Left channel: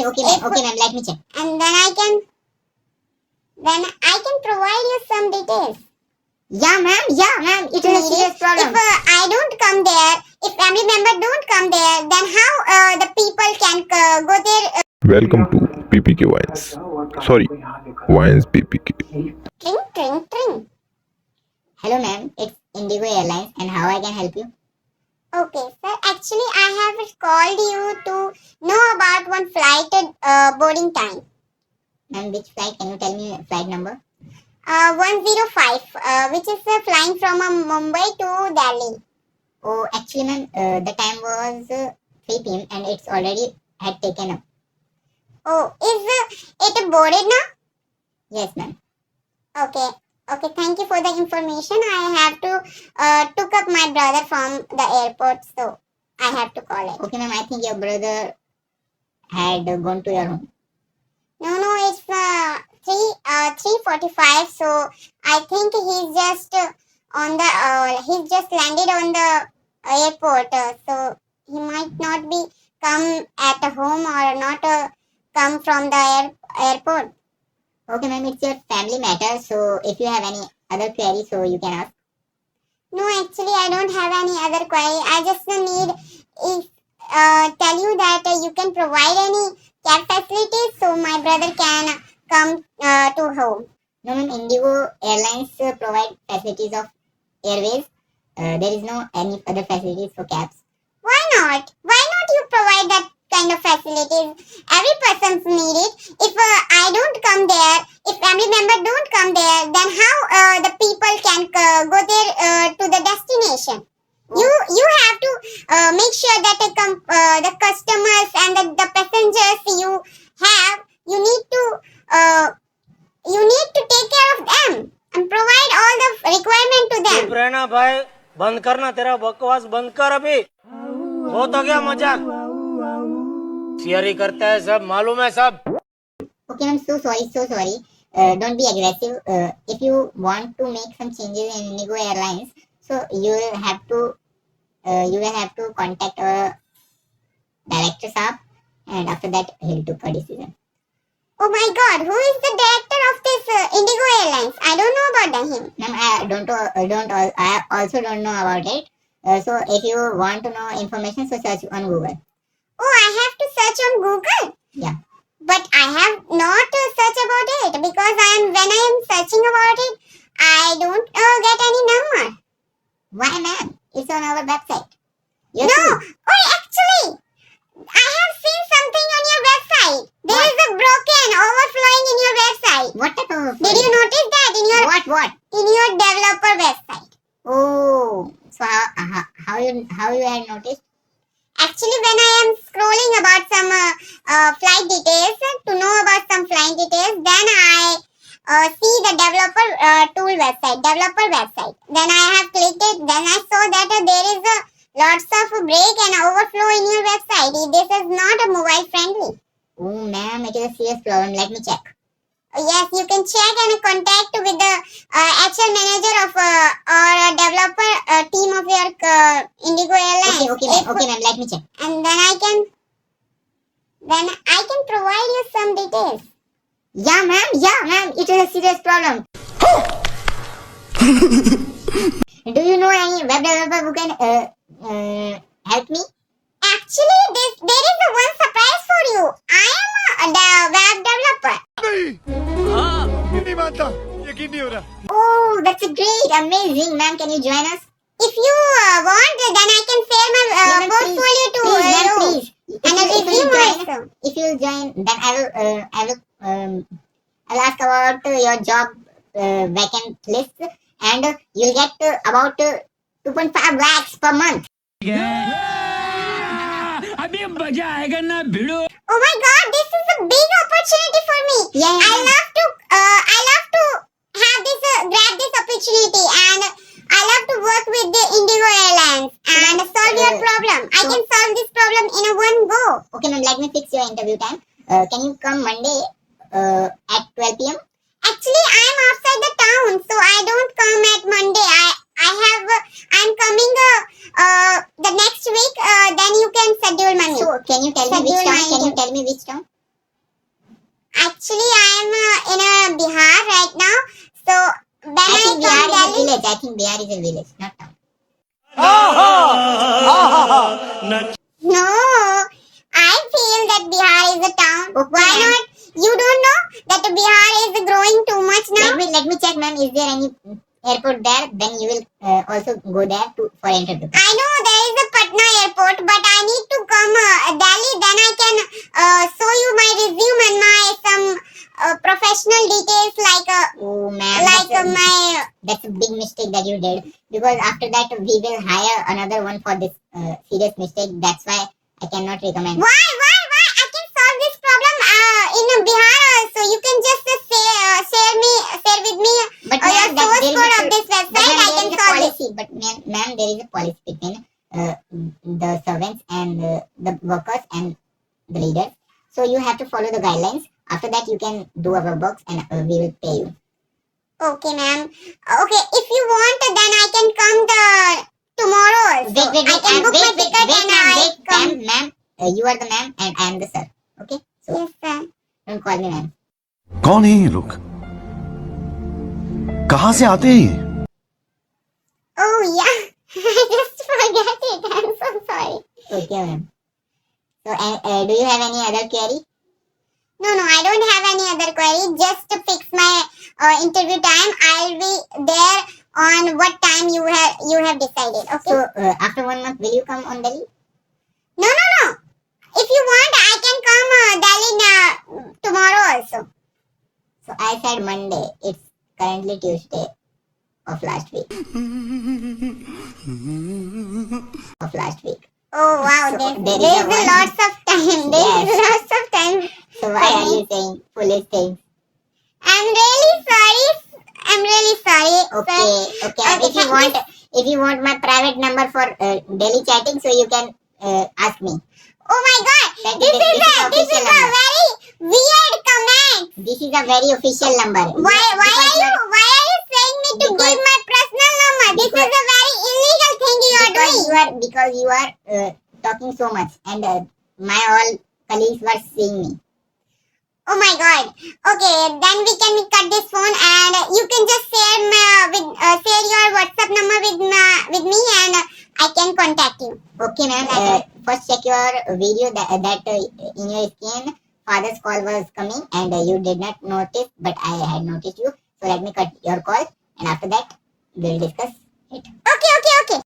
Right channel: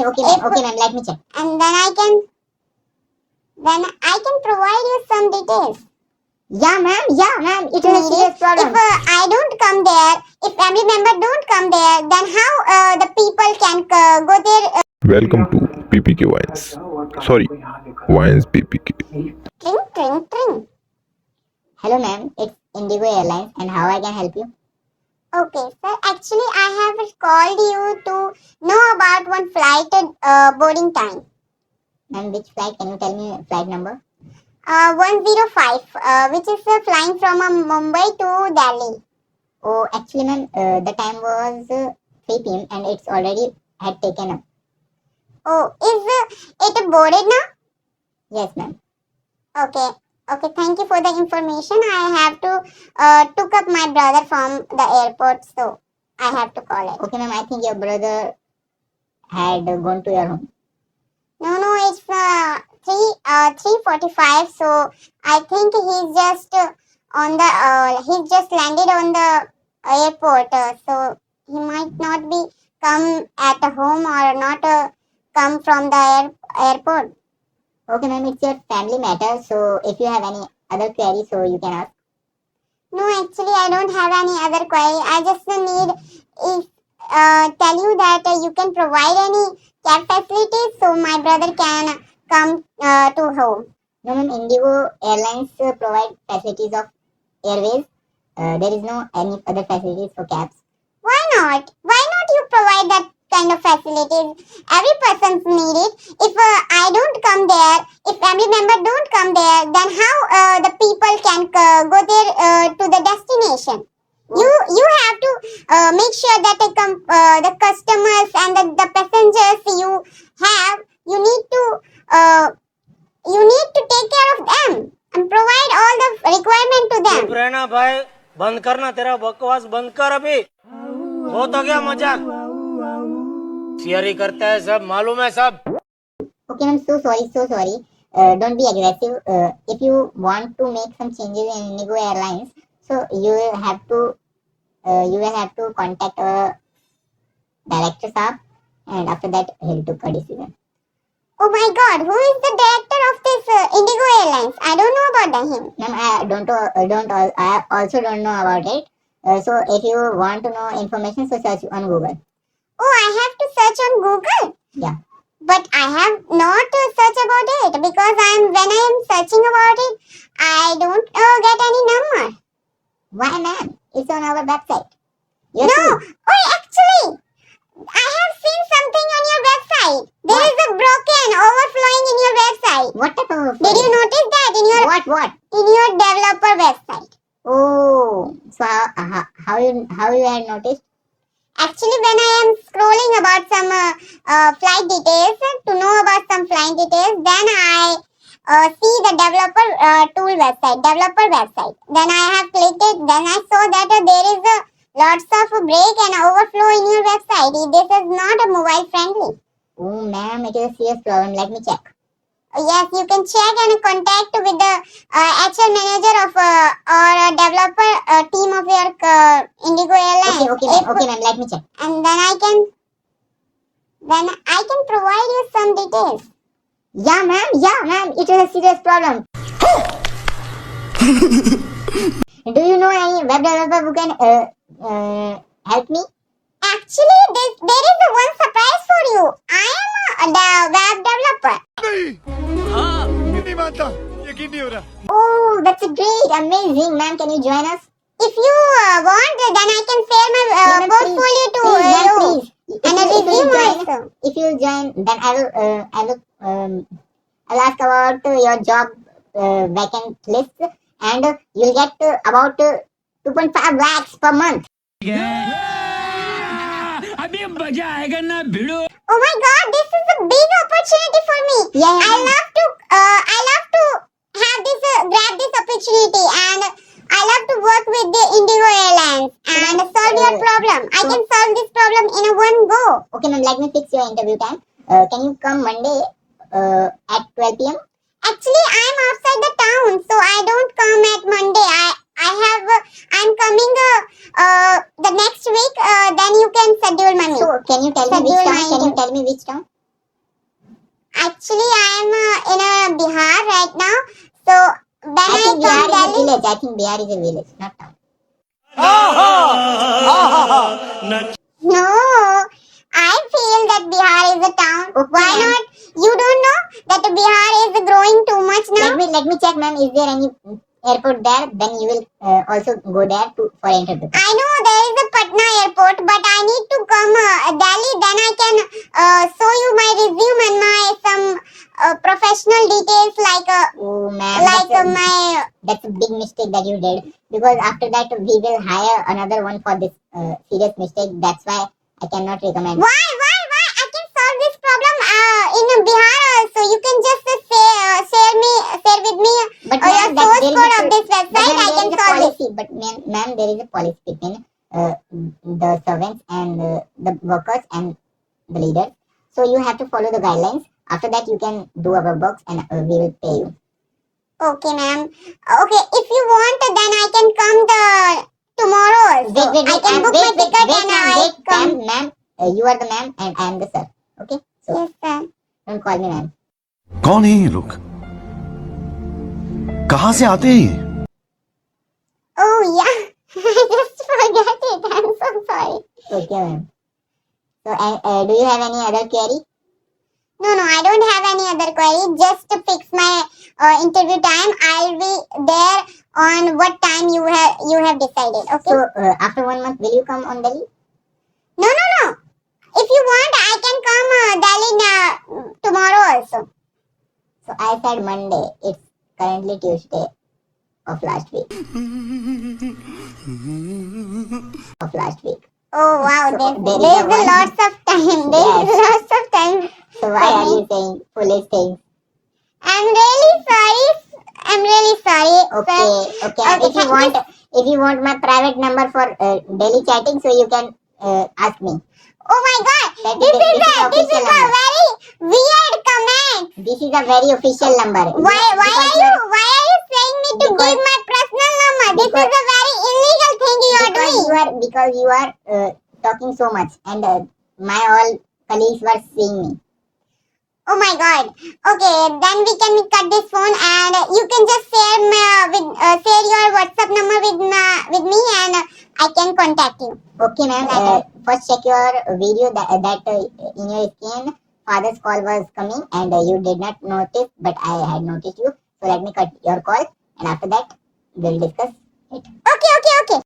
Okay, ma'am, let me check. And then I can provide you some details. Yeah, ma'am, it is a serious problem. If I don't come there, if family member don't come there, then how the people can go there? Welcome to PPK Wines. Sorry, Wines PPK. Tring. Hello, ma'am, it's Indigo Airlines, and how I can help you? Okay, sir. Actually, I have called you to know about one flight boarding time. And which flight? Can you tell me flight number? 105, which is flying from Mumbai to Delhi. Oh, actually, ma'am, the time was 3 p.m. and it's already had taken up. Oh, is it boarded now? Yes, ma'am. Okay. Okay, thank you for the information. I have to took up my brother from the airport, so I have to call it. Okay, ma'am, I think your brother had gone to your home. No, it's 3:45. So I think he's just on the he's just landed on the airport. So he might not be come at home or not come from the airport. Okay, ma'am, it's your family matter, so if you have any other query, so you can ask. No, actually, I don't have any other query. I just need if tell you that you can provide any cab facilities so my brother can come to home. No, ma'am, Indigo Airlines provide facilities of airways. There is no any other facilities for cabs. Why not? Why not you provide that kind of facilities? Every person's need it. If I don't come there, if family member don't come there, then how the people can go there to the destination? You have to make sure that the customers and the passengers you need to take care of them and provide all the requirement to them. चुप रहना भाई, बंद करना, तेरा बकवास बंद कर अभी। बहुत हो गया मजाक, शेयरी करता है सब, मालूम है सब। Okay, I'm so sorry. Don't be aggressive. If you want to make some changes in Indigo Airlines, so you will have to contact a director sir, and after that he'll take a decision. Oh my God, who is the director of this Indigo Airlines? I don't know about him. Ma'am, I also don't know about it. So if you want to know information, so search on Google. Oh, I have to search on Google. Yeah. But I have not to search about it because when I am searching about it, I don't get any number. Why, ma'am? It's on our website. No, oh, actually, I have seen something on your website. There is a broken overflowing in your website. What type of? Did you notice that in your what? In your developer website? Oh, so how you have noticed? Actually, when I am scrolling about some flight details to know about some flight details, then I see the developer developer website. Then I have clicked it. Then I saw that there is lots of break and overflow in your website. This is not a mobile friendly. Oh, ma'am, it is a serious problem. Let me check. Yes, you can check and contact with the actual manager of or developer team of your Indigo Airlines. Okay, ma'am. Let me check. And then I can provide you some details. Yeah, ma'am. It is a serious problem. Do you know any web developer who can help me? Actually, there is a one surprise for you. I am a web developer. Oh, that's great, amazing, ma'am. Can you join us? If you want, then I can share my portfolio to you. Please. And a review also. If you join, then I'll ask about your job vacant list, and you'll get about 2.5 lakhs per month. अभी मजा आएगा ना भिड़ो। Oh my God, this is a big opportunity for me. Yeah. I love to have this grab this opportunity, and I love to work with the Indigo Airlines and solve your problem. I can solve this problem in a one go. Okay, ma'am. Let me fix your interview time. Can you come Monday at 12 p.m.? Actually, I'm outside the town, so I don't come at Monday. I'm coming the next week. Then you can schedule my meeting. So, can you tell me which town? Actually, I'm in Bihar right now. So when I think I Bihar come is a Delhi, village. I think Bihar is a village, not town. no, I feel that Bihar is a town. Okay, Why ma'am. not? You don't know that Bihar is growing too much now? Let me check, ma'am. Is there any airport there? Then you will also go there for interview. I know there is a Patna airport, but I need to come Delhi. Then I can show you my resume and my some professional details like Oh, ma'am, my. that's a big mistake that you did. Because after that, we will hire another one for this serious mistake. That's why I cannot recommend. Why? I can solve this problem in Bihar also. You can just share with me But your ma'am, source there is code a- of this but website. ma'am, I there can is a solve it. policy. But ma'am, there is a policy between the servants and the workers and the leaders. So you have to follow the guidelines. After that, you can do our works and we will pay you. Okay, ma'am. Okay, if you want, then I can come tomorrow also. I can book my ticket and I come. Ma'am, you are the ma'am and I am the sir. Okay? So Yes, sir. don't call me ma'am. कौन है ये लोग? कहां से आते हैं ये? Oh yeah, I just forgot it. I'm so sorry. Okay, ma'am. So, do you have any other query? No, I don't have any other query. Just to fix my interview time. I'll be there on what time you have decided. Okay. So, after 1 month, will you come on Delhi? No. If you want, I can come Delhi tomorrow also. So, I said Monday. It's currently Tuesday of last week. Oh wow, So, there's there is a a lots of time. There's Yes. lots of time. So, why are you saying foolish things? I'm really sorry. Okay, okay. Okay, If you want my private number for daily chatting, so you can ask me. Oh my God, This is this is the a official number. very weird comment. This is a very official number. Why are you saying me to Because- give my personal number? This because- is a very illegal thing you are doing. Because you are talking so much, and my all colleagues were seeing me. Oh my God. Okay, then we can cut this phone and you can just share your WhatsApp number with me and I can contact you. Okay, ma'am. First check your video that in your screen father's call was coming and you did not notice, but I had noticed you. So let me cut your call, and after that we'll discuss it. Okay.